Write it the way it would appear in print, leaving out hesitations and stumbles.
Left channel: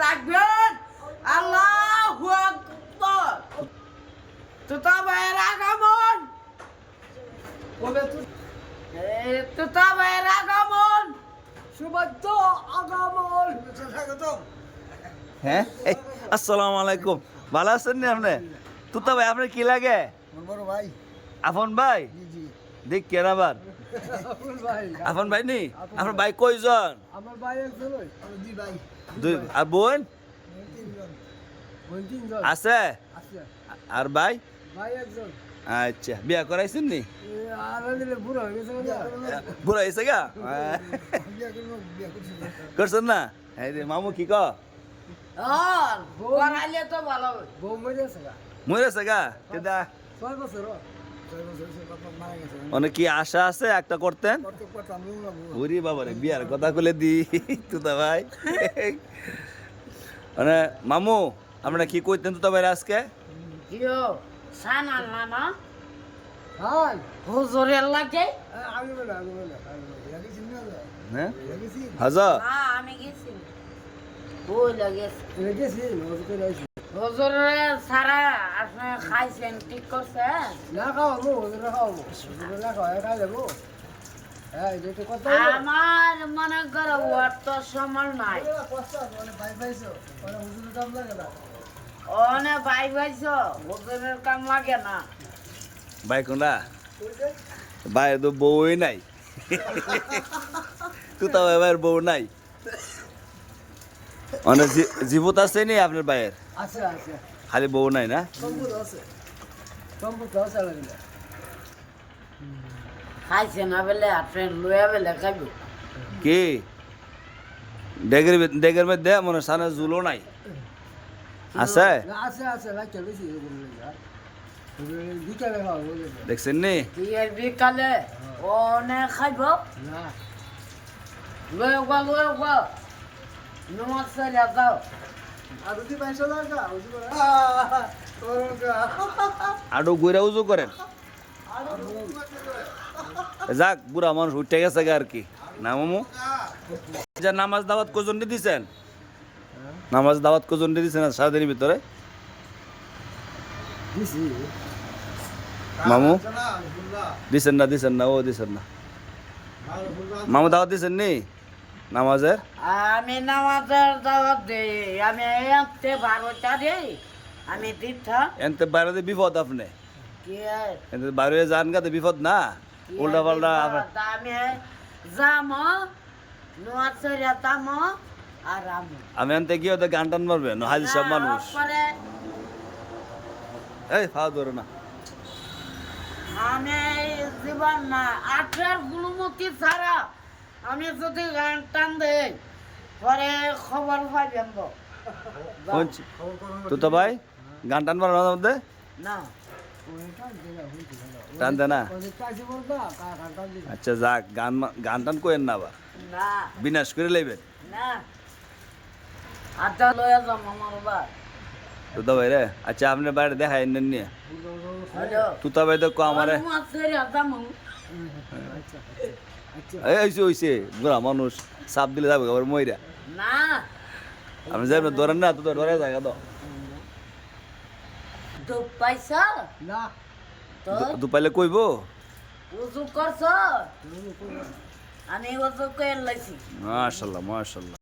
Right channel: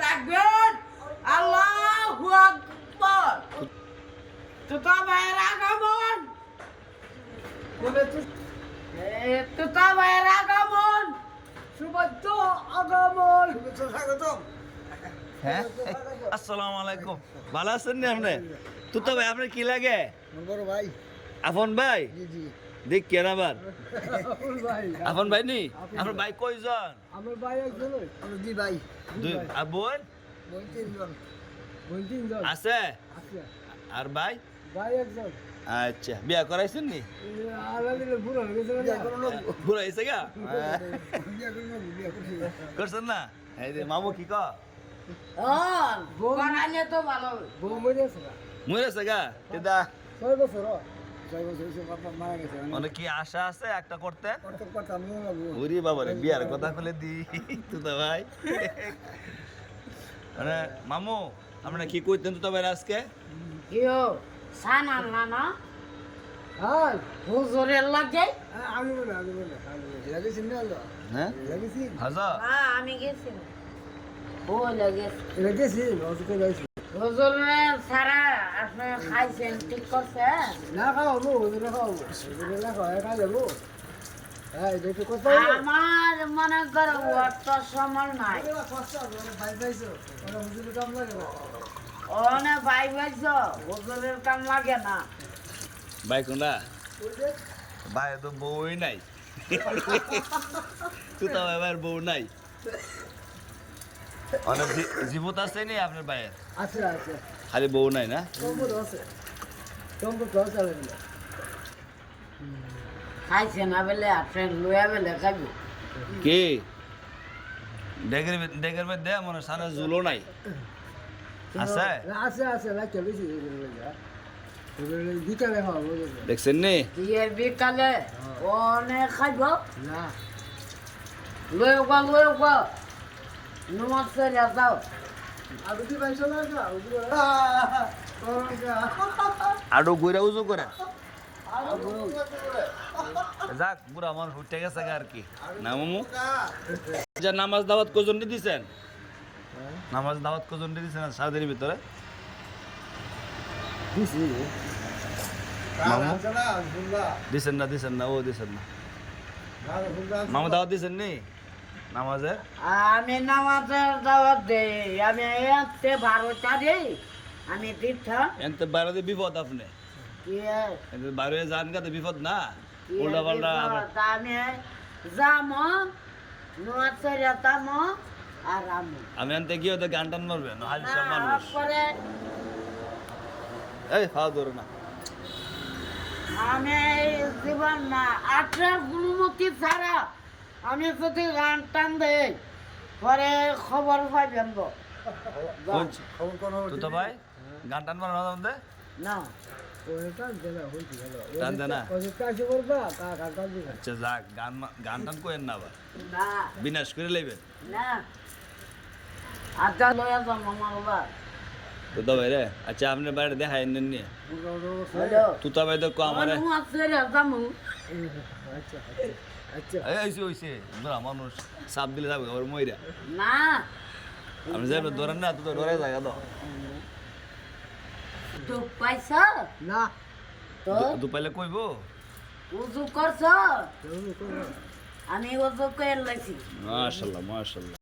তাকবীর আল্লাহু আকবার তুতা ভাইয়ের আগমন তুতা ভাইয়ের আগমন শুভেচ্ছা আগমন শুভেচ্ছা স্বাগতম। হ্যাঁ আসসালামু আলাইকুম, ভালো আছেন নি আপনি? তুতা ভাই আপনার কি লাগে? বড় ভাই। আফন ভাই? জি জি। দেখ কেন আবার ভাই আফন ভাই নি? আপনার ভাই কয়জন? আমার ভাই একজন দুই ভাই। দুই। আর বোন বোন তিনজন। বোন তিনজন আছে? আছে। আর ভাই? ভাই একজন। আচ্ছা, বিয়া করাইছেন নি? আর আনিলে বুড়ো হয়ে গেছে না। বুড়া হয়েছে গা? বিয়া করব বিয়া করছি। করছেন না? এই যে মামু কি ক? করাইলে তো ভালো হবে। বউ মরে আছে না। মরেছে গা? দাদা 6 বছর। 6 বছর হইছে বাবা মারা গেছে। মানে কি আশা আছে একটা করতেন? করতে করতাম বউ লাগবো। ওরে বাবারে, বিয়ার কথা কইলে দি তুতা ভাই। মানে মামু আমরা কি কইতেন তুতা ভাই আজকে? কিও সান আনলা না হাই হুজুরের লাগে? আমি বলে লাগেছি না তো। হ্যাঁ লাগেছি। হাজা হ্যাঁ আমি গেছি ও লাগেছে লাগেছি নজর করে লাগেছি। হুজুরের সারা আপনি খাইছেন ঠিক করছে? না খাওয়াবো ওদের খাওয়াবো ওদের না খাওয়া খাই দেবো। হ্যাঁ এটা একটু কথা আমার মনে করো অর্থ সময় নাই বাইক পাইছো হুজুরের কাম লাগে না। ওনে ভাই ভাইছ হুজুরের কাম লাগে না। ভাই কোনটা? ভাই তো বউই নাই। তুতা ভাই ভাইয়ের বউ নাই। মানে জীবত আছে নি আপনার ভাইয়ের? আছে আছে খালি বউ নাই না? সম্পদ আছে সম্পদ আছে লাগবে। খাইছে না বেলে আপনি লুয়া বেলে খাবি কি ডেগের মধ্যে মনে সানা জুলো নাই আছে? আছে আছে লাগে বেশি বিকালে খাওয়াবো। দেখছেন নি? দিয়ে বিকালে ওনে খাইব না লুয়া নমাজ সেরা দাও আর যদি পয়সা লাগা আরো ঘুরে উজু করেন। যাক, বুড়া মানুষ উঠে গেছে গা আর কি না মামু? যা নামাজ দাওয়াত কজন দিছেন? নামাজ দাওয়াত কজন দিছেন সারাদিনের ভিতরে? দিছি মামু দিছেন না ও দিছেন না। মামু দাওয়াত দিছেন নি নামাজের? আমি নামাজের দাওয়াত দেই আমি এতে 12টা দেই আমি দিতাম এনতে বাইরে বিপদ আপনি কি এনতে বাইরে যান গা তো বিপদ না উল্টা পাল্টা আবার। আমি যাম নমাজ সেরা দাম আর আমি এনতে গিয়ে তো গান টান মারবেন হাজি সব মানুষ। পরে এই খাওয়া ধরো না। আমি জীবন না 18 গুণমতি ছাড়া আমি যদি গান টান দেই পরে খবর পাইবেন খবর কোন তো ভাই গান টান মারানোর মধ্যে না টান দে না। কাছে বলবা কাকা দি আচ্ছা যাক, গান টান কোয়েন না আবার, না বিনাশ করে লইবেন না আচ্ছা লয়া যাম আমার বাবা তো ভাই রে। আচ্ছা আপনার বাইরে দেখাই নেন নিয়ে হ্যালো তুতা ভাই তো কো আমারে নমাজ সেরা দাম আচ্ছা আচ্ছা এই হইছে বুড়া মানুষ চাপ দিলে যাবে আবার মইরা। না আমি যাই ধরেন না তো ধরে জায়গা তো তো পয়সা না তো দুপাইলে কইব। উজু করছ আমি উজু করে লাইছি মাশাল্লাহ মাশাল্লাহ।